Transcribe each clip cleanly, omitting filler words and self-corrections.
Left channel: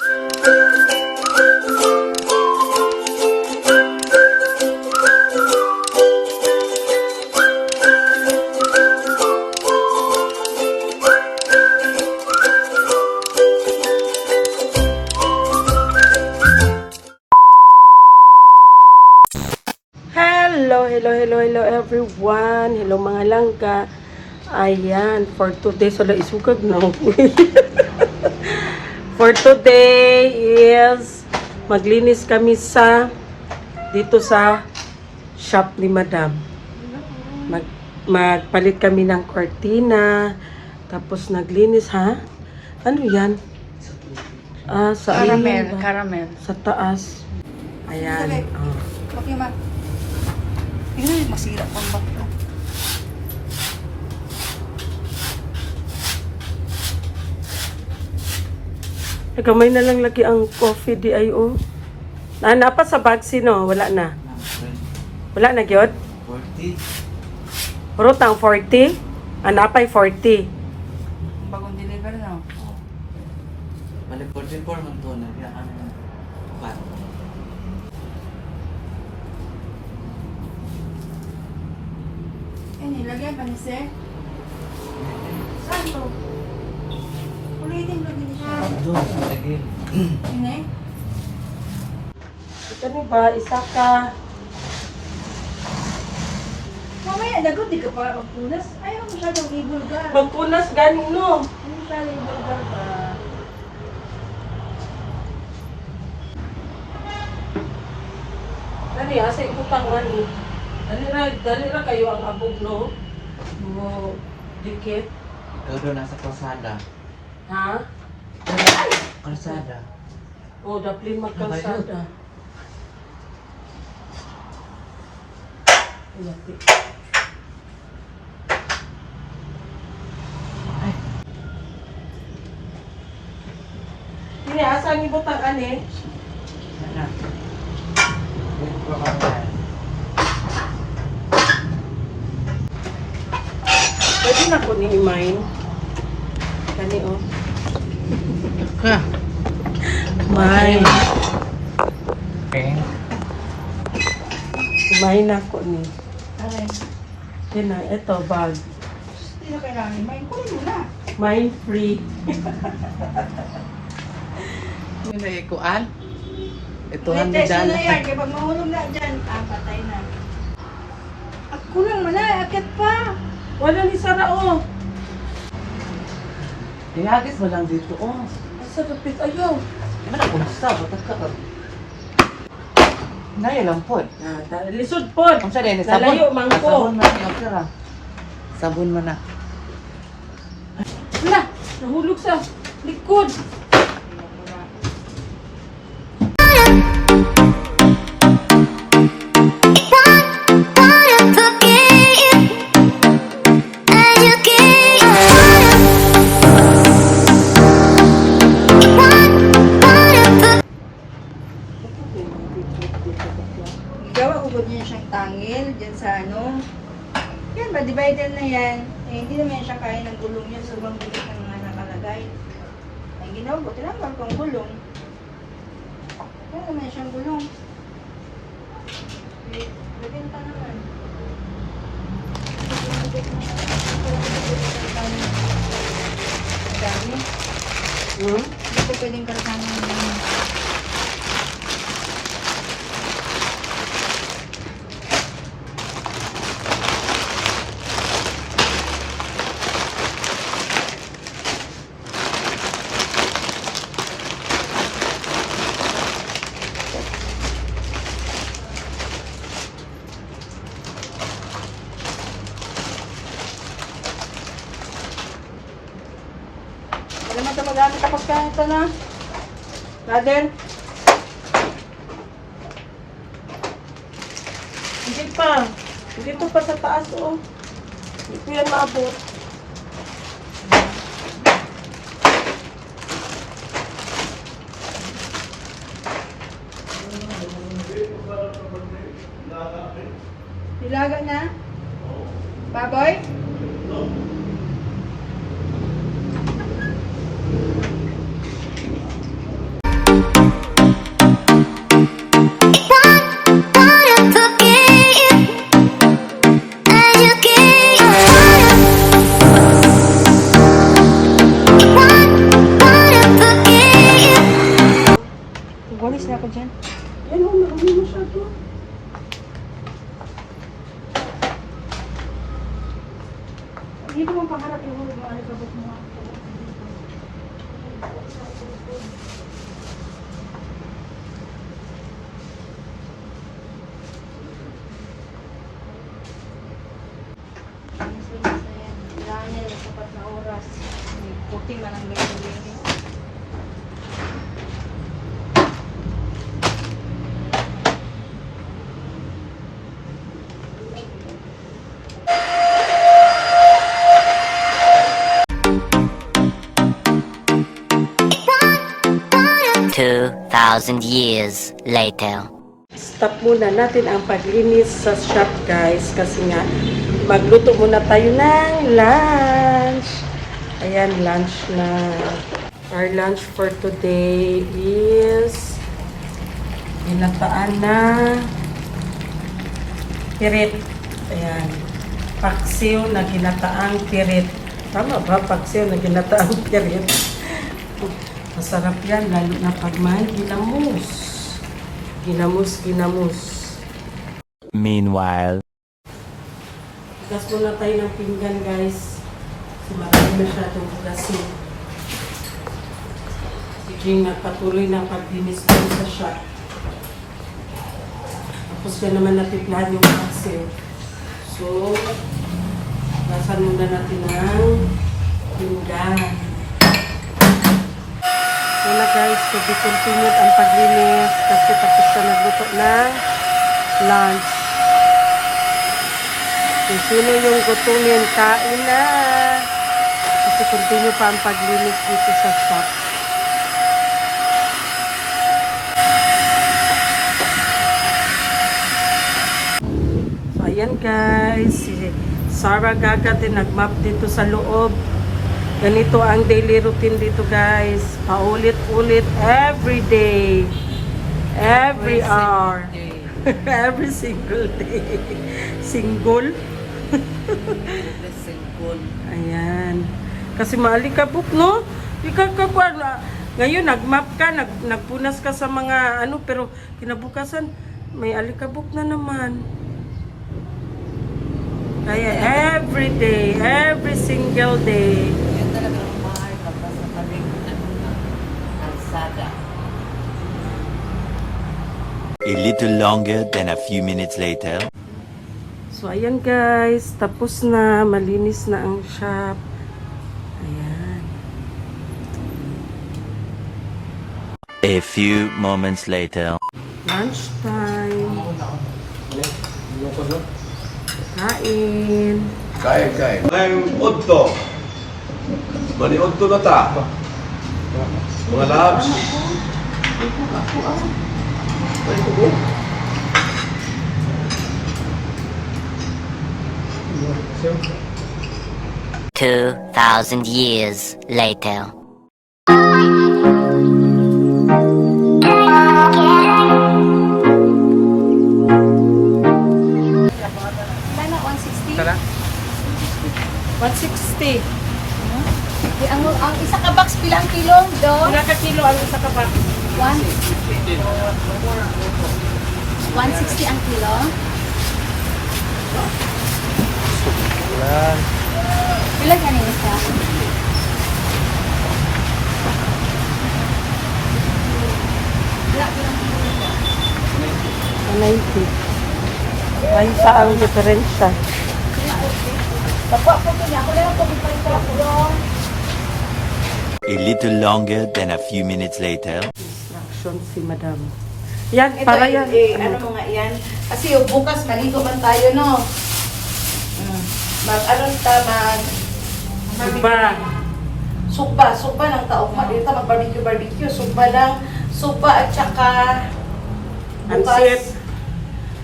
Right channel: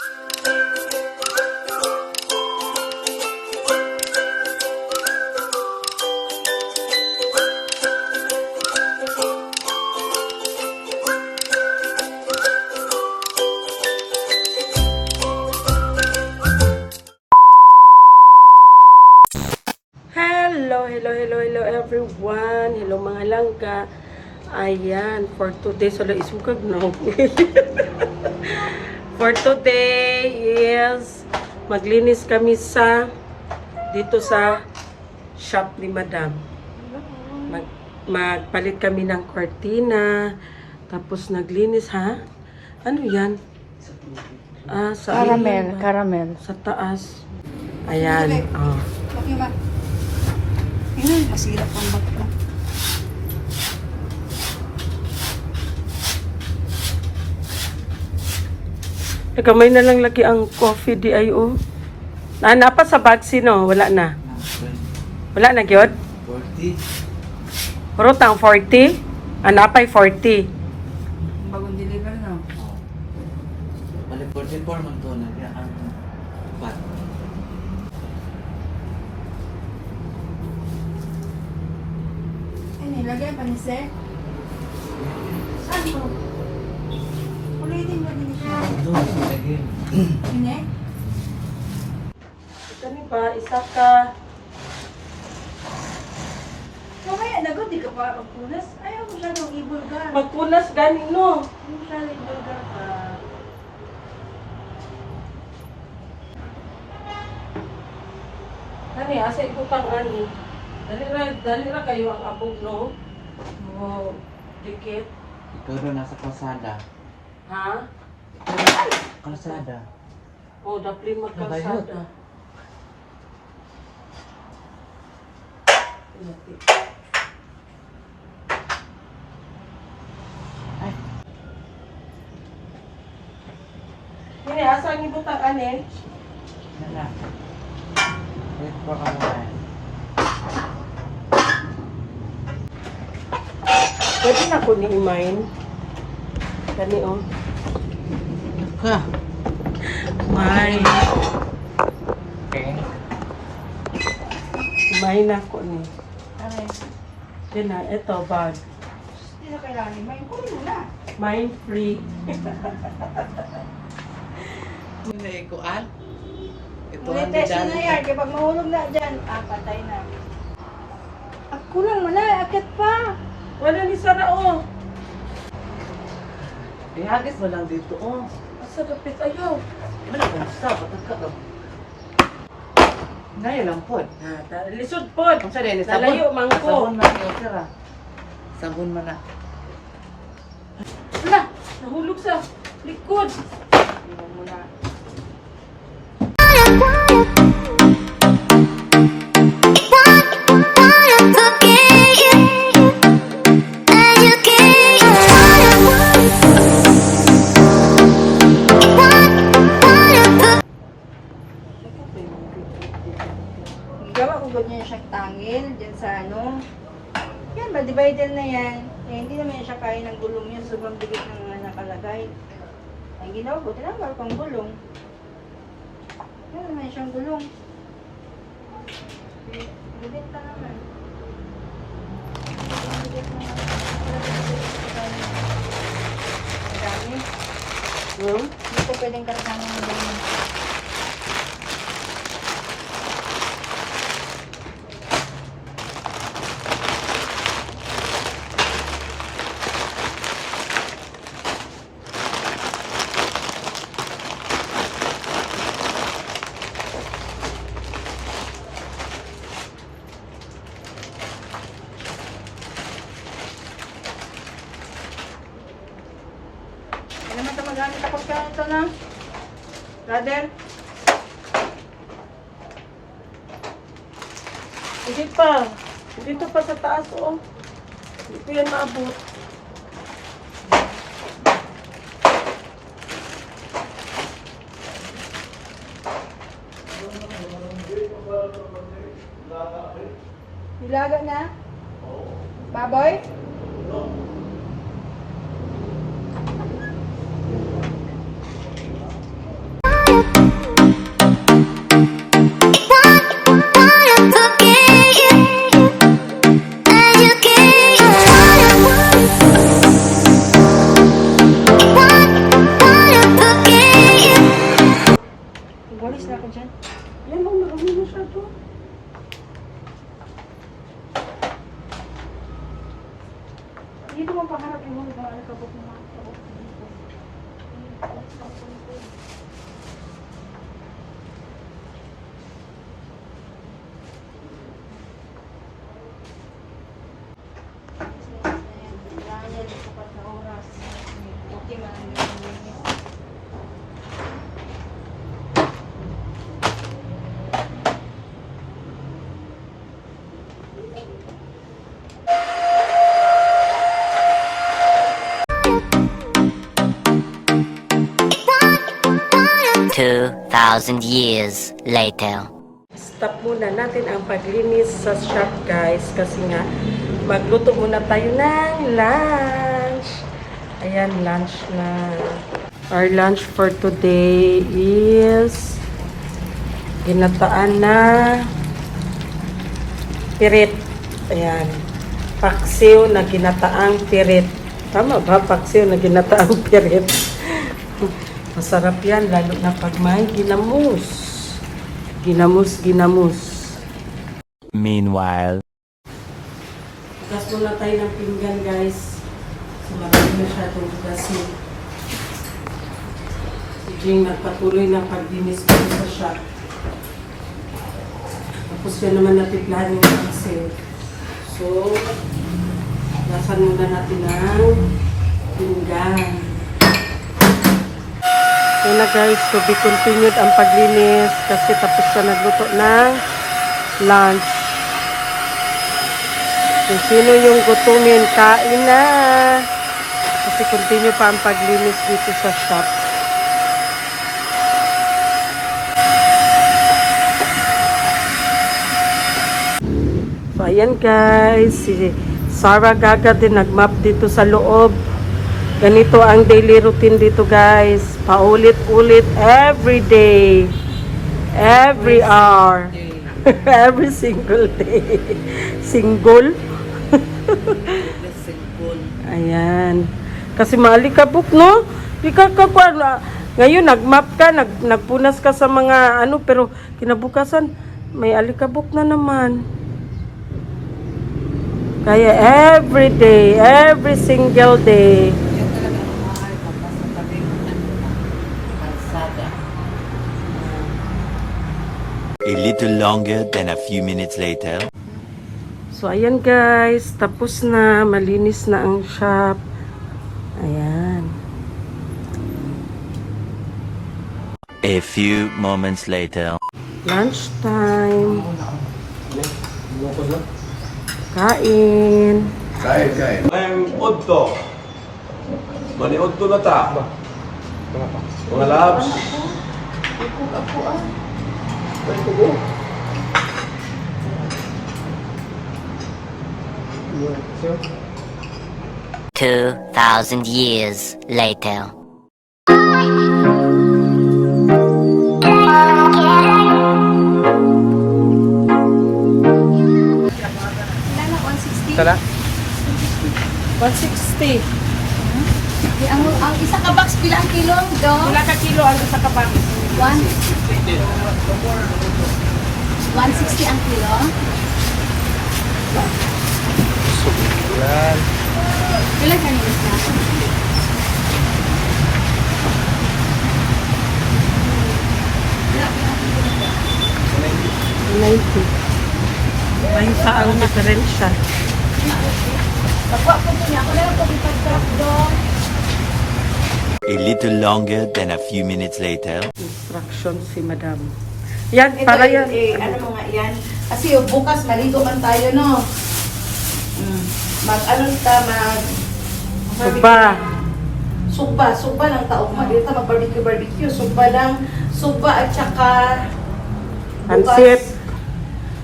Hello everyone. Hello mga langka. Ayan, for today, sala isugag na. For today is maglinis kami dito sa shop ni Madam. Magpalit kami ng cortina. Tapos naglinis, ha? Ano yan? Sa Caramel. Sa taas. Ayan. Oh. Okay, ma. Ay, masira pang bato. Kamay na lang lagi ang coffee DIO. Napa sa bagsi no? Wala na. Wala na gyud? 40. Rutang 40? Napay 40. Bagong deliver na. Oh. Bale 44 man to na ang bat. Ay, nilagay pa ni Sir. Saan to? Ulitin ba din siya? Doon sa lagin. Hindi? Ito ni ba? Isa ka. Mamaya, nagod, di ka pa magpunas. Ayaw mo siya daw i-burger. Magpunas ganin no. Hindi siya i-burger pa. Ani asa ibutang ani. Dali ra kayo ang abog no. Mo dikit. Ikaw doon nasa kalsada. Ha? Kalsada. O dapli magkalsada. Lati. Kini asa ang ibutang ani? Nana. Wait for a while. Pwede na ko ni mine. Dali o. Ha. Mine. Okay. Mine na ko ni. Ay, Yan na, ito bag. hindi na kailangan. May kulit mo na. Mine free. Yung naikuan? Ito Kulit ang tayo dyan. na yan. Kapag mahulog na dyan, patay na. At kulang mo na, akit pa. Wala ni Sara o. Ihagis mo lang dito, oh. Asa dapit ayaw. Ano na kung sa, batag ka. Naya lang po. Lisod pod. Kung sa din, Nalayo, mangko. Sabon man, okay ra. Sabon man na. Wala, nahulog sa likod. Gawa ugod niya siyang tangil dyan sa ano. Yan ba, divided na yan. Eh, hindi naman yan siya kaya ng gulong niya. Sobrang bilis ng mga nakalagay. Ay, ginawa, buti naman kung gulong. Yan naman siyang gulong. Bibinta naman. Madami. Hindi ko pwedeng karapang mga Wala mo ito magamit tapos ka ito na. Brother. Hindi pa. Dito pa sa taas o. Hindi ko yan maabot. Nilaga na? Baboy? Walis na ako dyan. Yan o, marami masyado. Dito mo paharap yung ulo ng alikabok mo. Puti man ang gagawin niya. Two thousand years later. Stop muna natin ang paglinis sa shop guys kasi nga magluto muna tayo ng lunch. Ayan, lunch na. Our lunch for today is ginataan na pirit. Ayan. Paksiw na ginataang pirit. Tama ba? Paksiw na ginataang pirit. Masarap yan, lalo na pag may ginamos. Ginamos. Meanwhile, Bukas muna tayo ng pinggan, guys. So, marami masyadong bugasin. Si Jing nagpatuloy ng paglinis dito sa shop. Tapos yan naman natiplahan yung paksiw. So, nasan muna natin ang pinggan. Yun na guys, to be continued ang paglinis kasi tapos na nagluto ng lunch. Kung sino yung gutumin, kain na. Kasi continue pa ang paglinis dito sa shop. So ayan guys, si Sarah Gaga din nagmap dito sa loob. Ganito ang daily routine dito guys. Paulit-ulit every day. Every hour. Every single day. Single? Ayan. Kasi maalikabok, no? Ngayon, nagmap ka, nagpunas ka sa mga ano, pero kinabukasan, may alikabok na naman. Kaya every day, every single day. a little longer than a few minutes later. So, ayan guys. Tapos na. Malinis na ang shop. Ayan. A few moments later. Lunchtime. Kain. Kain. Ang udto. Mani udto na ta. Mga labs. Ay, tugo. 2,000 years later. Tara. 160. Ang isa ka box pila ang kilo do? Wala ka kilo ang isa ka ba? 160 ang kilo. Ilan ka niyo isa? $90. May isa ang diferensya. A little longer than a few minutes later. Instruction si madam. Yan, Ito, para yan. ano mga yan? Kasi yung bukas maligo man tayo, no? Mag-ano ta, Sugba. Sugba lang taong dito mag-barbecue. Sugba at saka Pansit.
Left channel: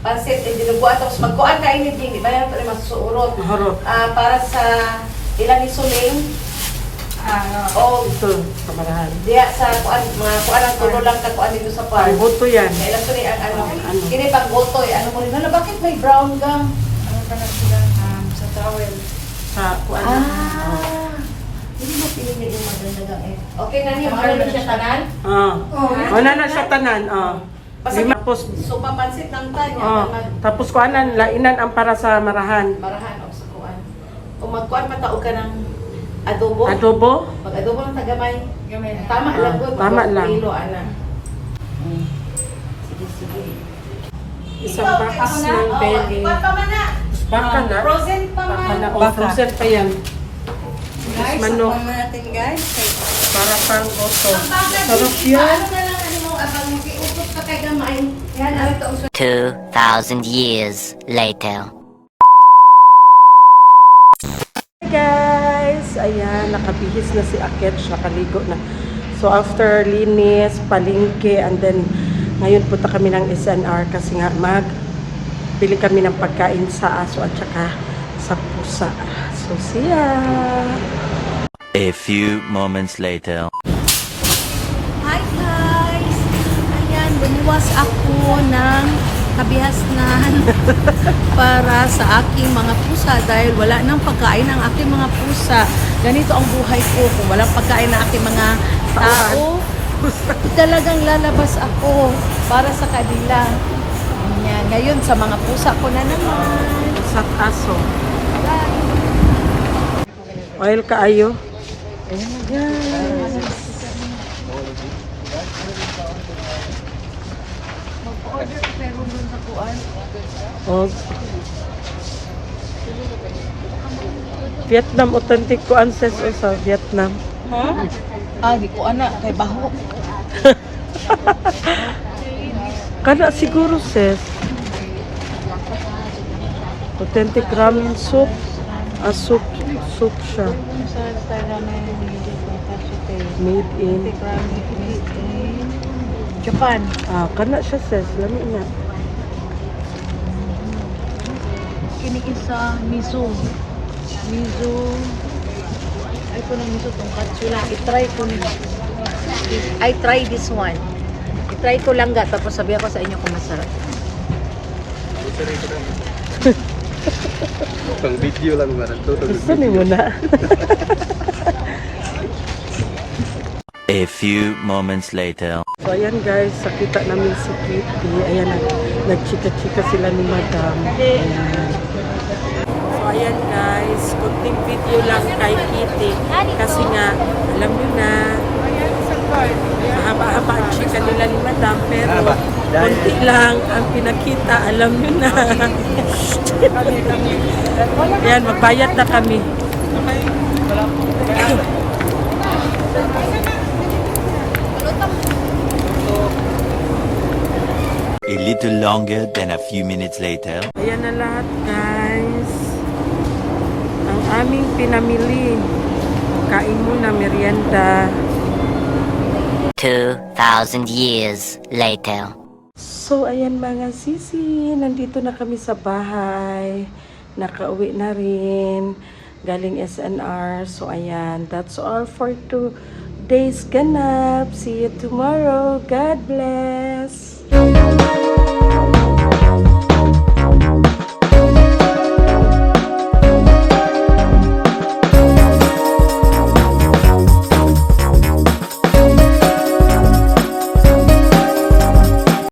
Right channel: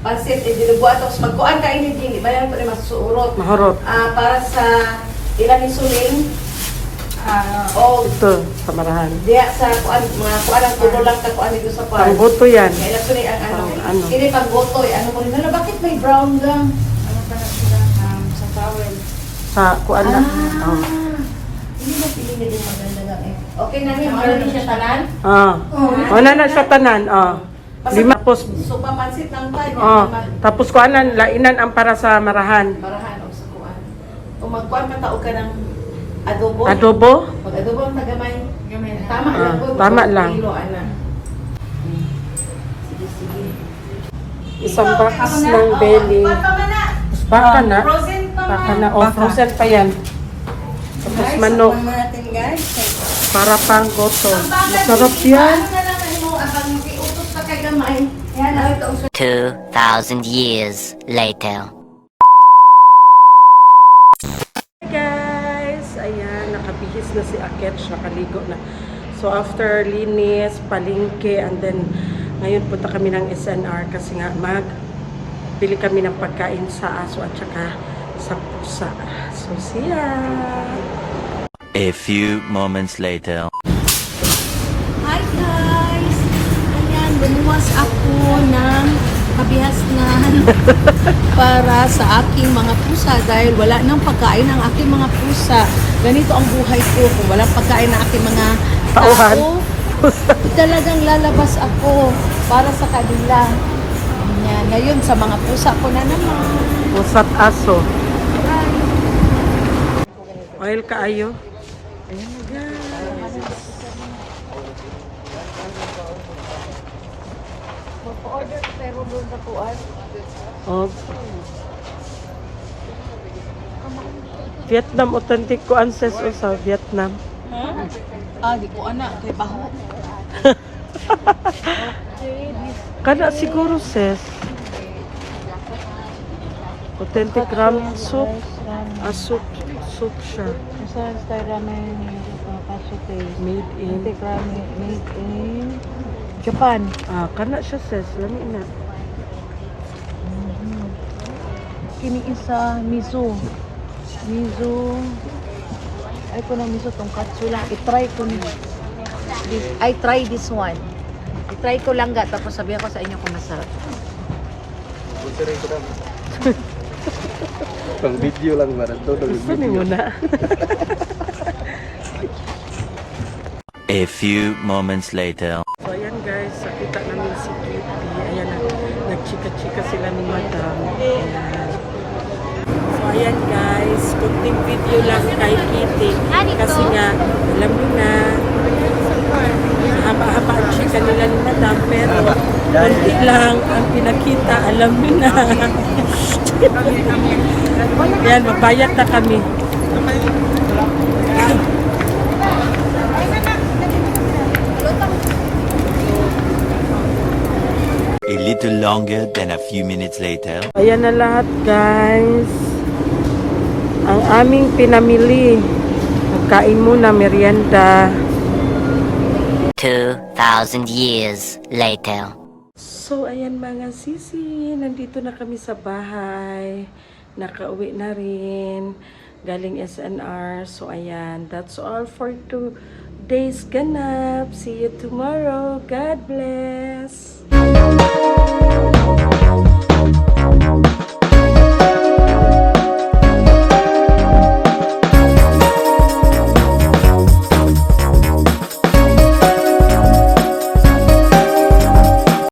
Pansit, dinuguan. Tapos magkuhan ka hindi ba yan ito rin masuurot? Mahurot. Para sa ilang isuling, Oh, Ito, sa Marahan. diya sa kuan mga kuan ang tulo lang ka kuan dito sa park. Ang buto yan. Kaya lang suni ang ano. Ano? Kini pag botoy, ano mo nila bakit may brown gang? Ano ka na sila sa towel. Sa kuan na. Oh. Hindi mo pinili yung maganda gang eh. Okay na ni, ano na siya tanan? Wala na siya tanan. Lima tapos So papansit lang tayo. tapos kuanan lainan ang para sa Marahan. Marahan og sa kuan. Kung magkuan mataog ka ng adobo. Adobo? Pag adobo ang tagamay. Tama lang po. Tama lang. Kilo, ana. Sige, sige. Isang box ng belly. Baka na. Frozen pa Baka man. na. O, frozen pa yan. Tapos manok. Tikman natin guys. Para pang goto. Sarap yan. Ano na lang ano mo abang iutos pa kay gamay. Yan na ito. 2,000 years later. Hey guys! Ayan, nakabihis na si Aketch. Nakaligo na. So after linis, palingke, and then ngayon punta kami ng SNR kasi nga bili kami ng pagkain sa aso at saka sa pusa. So see ya! A few moments later. Hi guys! Ayan, lumuwas ako ng kabihas na para sa aking mga pusa dahil wala nang pagkain ang aking mga pusa. Ganito ang buhay ko. Kung walang pagkain ng aking mga tao, talagang lalabas ako para sa kanila. Ayan, ngayon sa mga pusa ko na naman. Pusat aso. Oil kaayo. Ayan na guys. Oh. Vietnam authentic ko anses sa Vietnam. Di ko anak, kay baho. Kana siguro sis. Authentic ramen soup. Soup siya. Made in Japan. kana siya sis. Lami na. Kini isa miso. Ay ko na miso tong katsula. I-try ko ni. I try this one. I-try ko lang ga tapos sabihan ko sa inyo kung masarap. Pang video lang ba? Gusto ni mo na. A few moments later. So ayan guys, nakita namin si Kitty. Ayan, nagchika-chika sila ni Madam. Ayan. So ayan guys, kunting video lang kay Kitty. Kasi nga, alam nyo na, mahaba-haba ang chika nila ni Madam. Pero, kunti lang ang pinakita, alam nyo na. Ayan, magbayad na kami. A little longer than a few minutes later. Ayan na lahat guys. Ang aming pinamili. Magkain muna, merienda. 2,000 years later. So ayan mga sisi, nandito na kami sa bahay. Nakauwi na rin. Galing SNR. So ayan, that's all for today's ganap. See you tomorrow. God bless.